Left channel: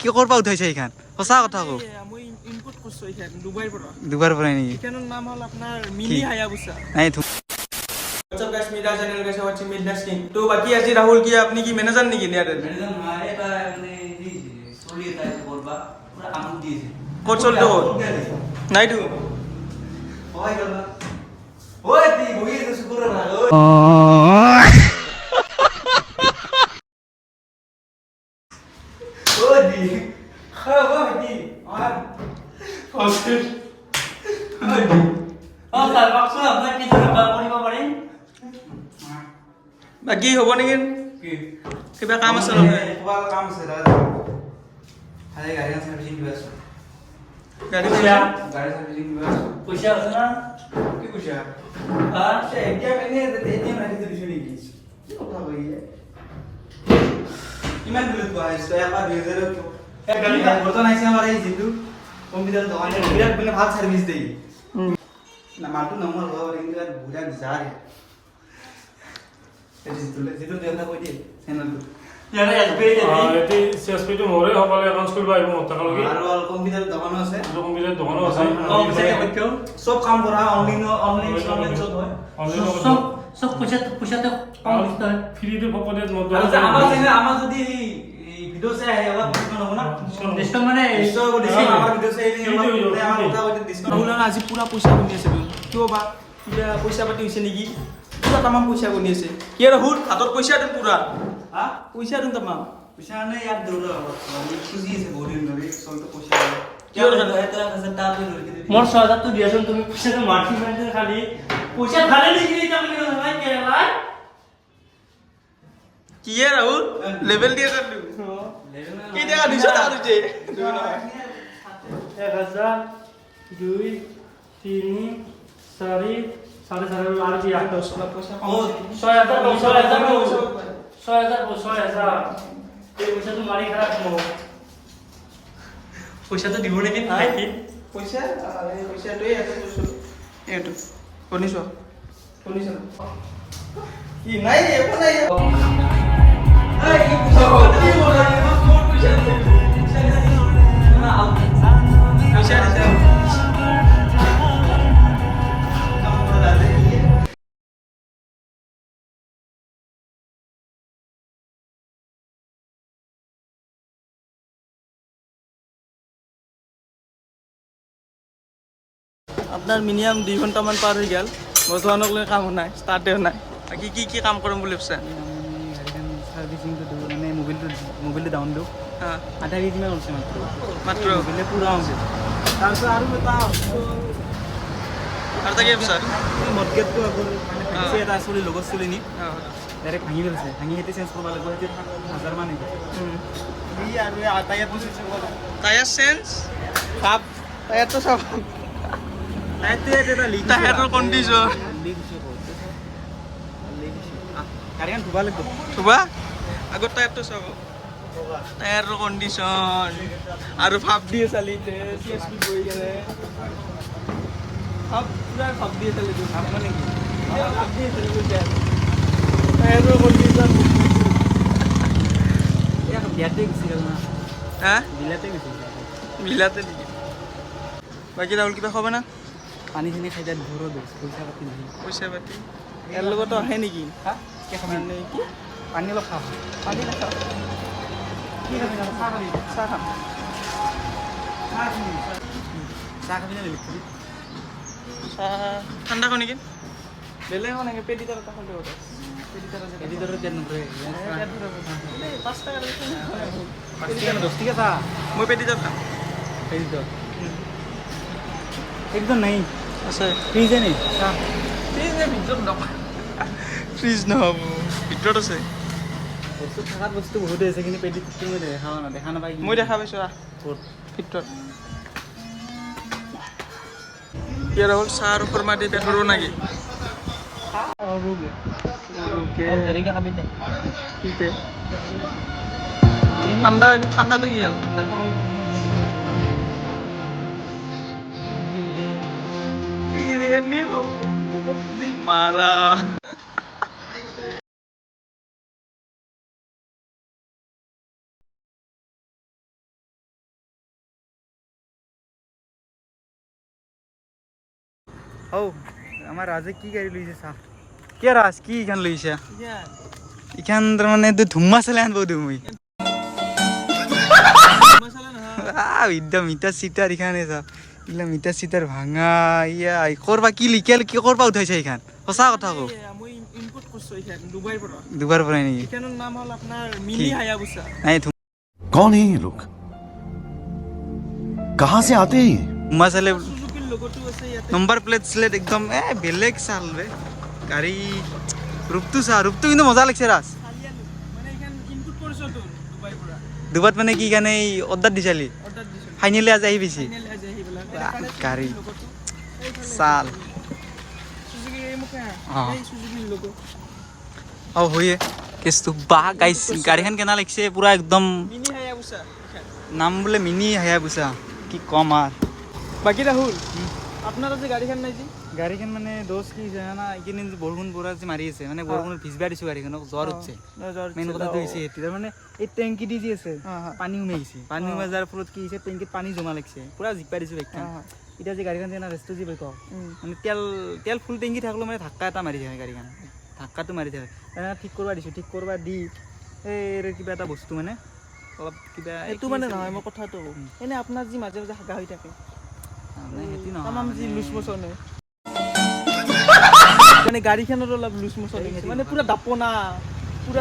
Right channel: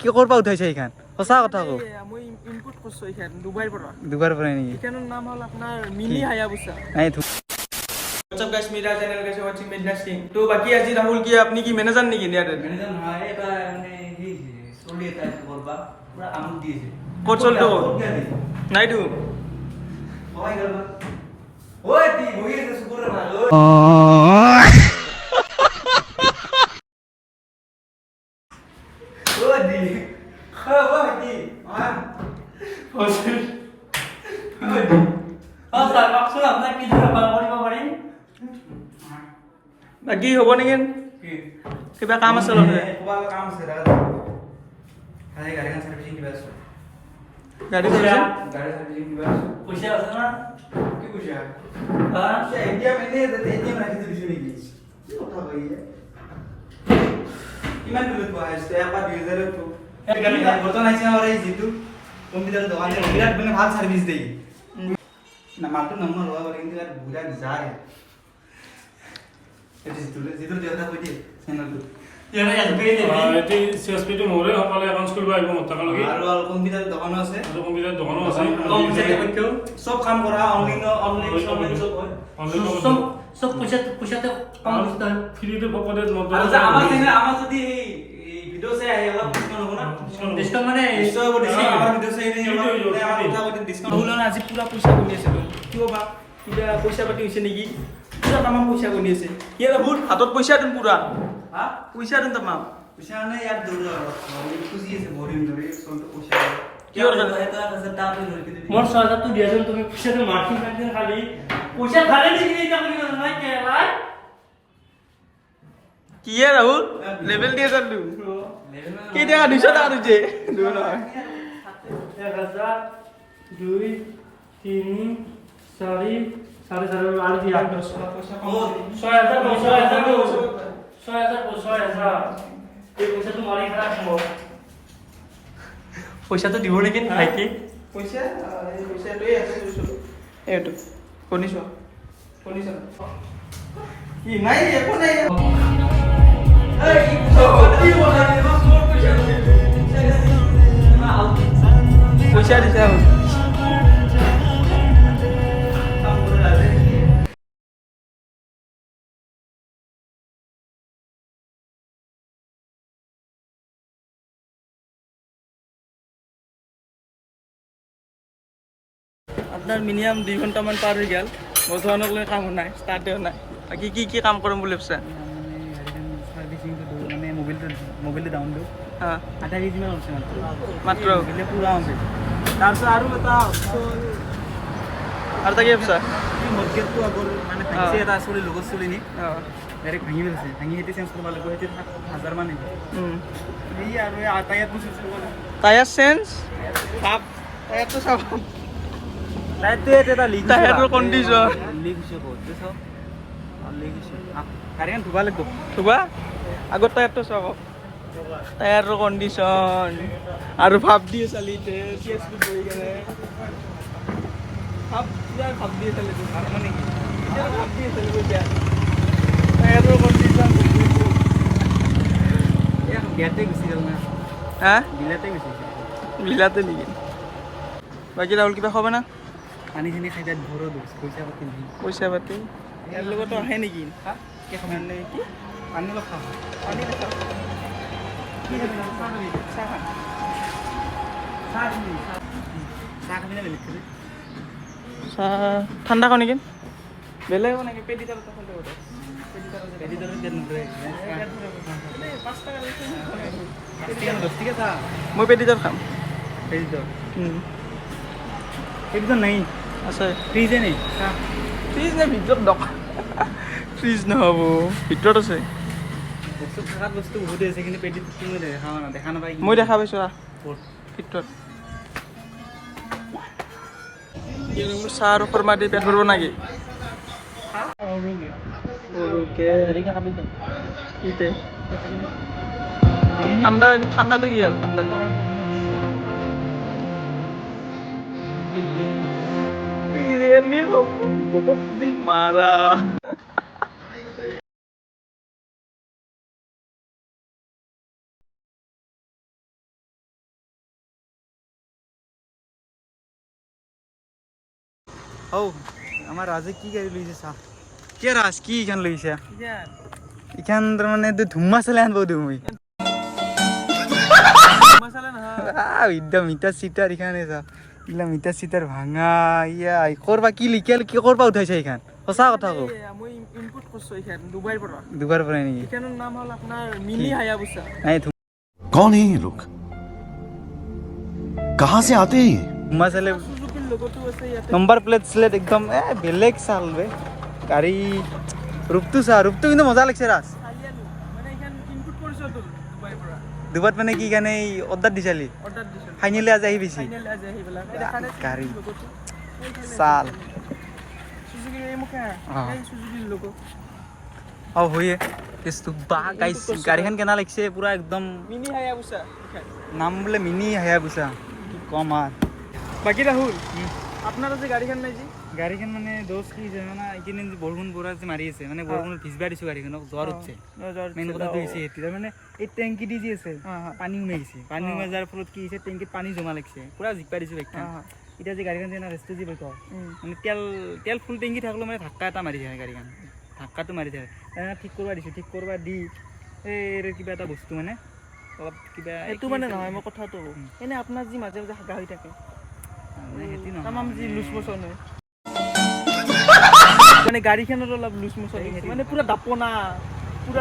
কি কৰবা উঠাইছে এইখান সঁচা কথা কও মই ইনপুট কৰছো এইখান দুবাৰ পৰা নেকি এইখানৰ নাম হল আপোনাৰ মিনি হায়াবুসা নাই What's up guys, मेरा चैनल कैसे watching Midnight King। तो बाकी आज राहुल की अपनी की मैनेजर नहीं की यार मैनेजर हमारे बा माने ही सोली ताई करबा पूरा काम दिएছে কোড চলতো নাই দু ওই গল ওই তুই ঘুমিয়ে তো শুকুর না ওই দি খারাপ হয় কি আর ফসল ওই দি তার বাক্স আপনার কি ধরবা পড়িবা পারেন বাকি হ'ব নেকি কিবা কাম আছে লগে কিবা কাম আছে দাদা হাই গাড়ি সার্ভিসিং দিবা আছে গাড়ি সার্ভিসিং দিবা পয়সা আছে না কি পয়সা হ্যাঁ সে এটিএম এটিএম রাখি দিছি নাকি কি কথা কইয়ে কিমান দিলে তো আইছে আপা 2000 তো গাড়ি বর্তমান আইছে আমার এই জিতু কম্পিউটার দোকানে বিরাট মানে ভালো সার্ভিস দেই না মাটু নম্বর হওয়ার কিন্তু আর বুড়া যায় जितू देवता कोई दे सेनदु यार एसबीआई दे এটি সিএসপিটো মোৰে হবলে এখন স্কুল বা আহিব মত কালকি আৰু কম্পিউটাৰ দোকানো আছে কম্পিউটাৰ দোকানো আছে কম্পিউটাৰ দেখো সব কাম কৰা অনলাইন সব হয় সব পয়সা তো কম দিতে হয় ফ্ৰিতে পকেটে মত আমাৰ যদি ভিডিও চাই আহে অলপ ডিসকাউন্ট হ'ব না ডিসকাউন্ট মানে আমাৰ ভিডিও চাই আমাৰ কথা ডিসকাউন্ট ৰাহুল আজি পুৰা পইচা কমি আছে কিয় বা কিবা পইচা পাতি হৈছে নেকি পুৰা তামাম পইচা কমি আছে কি ৰাহুল হাতত পইচা দিন পুৰা হা পইচা দিন তামাম পইচা নাই ইয়াত দৌৰ খুজি আছে বৰিন ধৰি চলটো পইচা কিহৰ কাৰণে এটা আছে তাত লৈ মোর 6000 তো দিয়াছেন তুমি পয়সা তো মাটি মেনটেন খালি পয়সা খালি দিছি এটা বলি না কে ভাই কি ৰাহুল লেভেল দিয়ে চালু কি দিয়া 200 টাকা দিছে 1000 2 3 4 4.5 আর কি 10 লাখ পয়সা কম 6000 এই পয়সা তো মারি খারাপ করো পইচা তো দিব নেকি কি পইচা এই পইচাটোই আছে এইটো শুনিছ কি নাই একো নাই এই কি বলাই মোৰ পইচা দিছে আপনাৰ মিনিমাম 2 ঘন্টামান পাৰ হয়ে গেল বৰ্তমানক লৈ কাম নাই স্টাৰ্টেও নাই বাকি কি কাম কৰিম বুলি ভাবছা গাড়ীখন সাৰ্ভিচিং তো মানে মোবাইলটো ডাউন দিও হ্যাঁ আধা কেজি মান আছে মাত্ৰ মোবাইলে পুৰা আছে তাৰপিছত আৰু তা কি ভাবছা মডগেটটো আগৰ মানে ফেক্সি এটা চলি লগত চলি নি অঁ ডাইৰেক্ট ভাঙি পেলাইছে ভাঙি হেতি চেঞ্জ কৰিব লাগিব হেতি 7000 মান আহিব এই আৰু টায়াৰ চেঞ্জ কৰিব টায়াৰ চেঞ্জ ভাব টায়াৰটো চাব টায়াৰটো এটা লিক টায়াৰৰ কণ্ডিশ্যন লিক হৈছে বহুত লিক হৈছে গাড়ীখন ধুবা লাগিব থুবা আগত টায়াৰটো চাব টায়াৰৰ কণ্ডিশ্যন আৰু ভাব দিয়ে চালিতে চিএছপি বহি কেনে ভাব দিয়ে চালিতে ভাব মানে কি ভাব দিয়ে চালিতে টায়াৰৰ কণ্ডিশ্যন বিয়াতে গুচি গ'ল না হা বিলাতে গুচি গ'ল বিলাতে নেকি বাকী ৰাহুল কিবা খাব না পানী খিনি খাই তাত ভৰো দিছ পইচা পাতি নাই পইচা পাতি ইয়াৰ লগতো আহে নেকি মানে কি পানী লখা পানী দেখা চাহ খাম চাহ খাবি না বেলেগ খাবি চাহ ঠাণ্ডা খাওঁ নেকি বেলেগ নাকি পেটি তাৰ কথা হ'লে কথা পেটি তাৰ এডিটৰে দেন নৰে 5 টাকা লাগিছে 10 টাকা তা মই পেটি তাৰ খাম এডিটৰ এডিটৰ নাই আছে ফ্ৰিজে নাই ফ্ৰিজ নে ভিতৰত ফ্ৰিজ নহ'ব ভিতৰত আছে বস্তু থাকাত বস্তু বহুত আছে কিন্তু পেডিত তুমি দেখা নাপাই মই দেখা পাইছোঁ ক'ত ভিতৰত কি ৰাহুল চাহ আৰু ফৰ্মা দি পেট ভৰিব নেকি এনেকৈ খাবি নাই কিতে ঠাণ্ডাটো কি হ'ল ঠাণ্ডাটো মাৰা হৌ আমাৰ ৰাজে কি গাড়ী লৈছে চা কি ৰাজ কি ইখান লৈছা ইখান তাৰমানে ধুম্মা চালে আনব দিওঁ মই একদম মিটাৰ চিটাৰ ইখানে চা এইগিলা মিটাৰ চিটাৰ ভাঙা ইয়া কৰবা কি লিখিয়াল কি কৰবা উঠাইছে এইখান সঁচা কথা কওঁ মই ইনপুট কৰিছোঁ এইখন ডুবাইৰ পৰা দুবাৰ পৰাই নেকি এইখনৰ নাম হ'ল আপোনাৰ মিনি হায়াবুছা নাই कौन है ये लोग कहाँ से आते हैं ये ধুম্মা চালে সুজুকিৰ লগতো আছে ইয়াতে নম্বৰ প্লেট স্লেট একদম বেলেগ চাল বে গাড়ী ৰূপটো চা ৰূপটো কিন্তু মজা লাগিছে ৰাজ চাৰিআলি মানে এইখন ইনপুট কৰিছোঁ তো ডুবাইৰ পৰা দুবাৰ মানে কি কাৰণে অৰ্ডাৰ দিছালি অৰ্ডাৰ দিছোঁ ফাইনেলি আজি আহি পাইছি ফাইনেল আজি আহি পেলাই গাড়ী লগতো চাল সুজুকিৰ এই মুখে সুজুকিৰ লোগো অঁ হয়ে কেছটো বাহ গাইছ গাড়ীখন কেনা লাগিছে পুৰা একদম মিনি হায়াবুছা নাম বোলে মিনি হায়াবুছা কি কম আৰু বাকী ৰাহুল আপোনাৰ যে গাড়ীখন নাই যি গাড়ীখন মানে দোষ কি হৈছে জানা এইকেইদিন যে বৰষুণ পৰা যে মাৰি আছে মানে বৰষুণত ভিজবা দিছোঁ গাড়ীখনক জ্বৰ উঠছে মেইন কথাটো হৈছে সেইটো তাৰমানে এই টেংকি দি যি আছে পানী সোমাই গৈছে পানী সোমাই যোৱাৰ ফলত কি হৈছে টেংকিত পানী জমা লাগিছে পুৰা জিকপাই দিছোঁ বাইকখন এতিয়া যে গাড়ীখন যে ৰেষ্টটো যি বাইক মানে তেল ফুল টেংকি থাকিলেও মানে ধাক্কা এটা মাৰি থাকে গাড়ীখন ধাক্কাটো মাৰি থাকে ঠিক কৰিব দিছোঁ ঠিক কৰিব দি এই কিবা এটা বস্তু মানে অলপ কিবা এইটো মানে নহয় মই কথাটো এনে আপোনাৰ যি মাজে মাজে হাগা হৈ থাকে তামাম যি লুজ মোচন হয় মানে গাড়ীখনত অলপ লুজ মোচন হৈছে মানে পুৰা দাপনা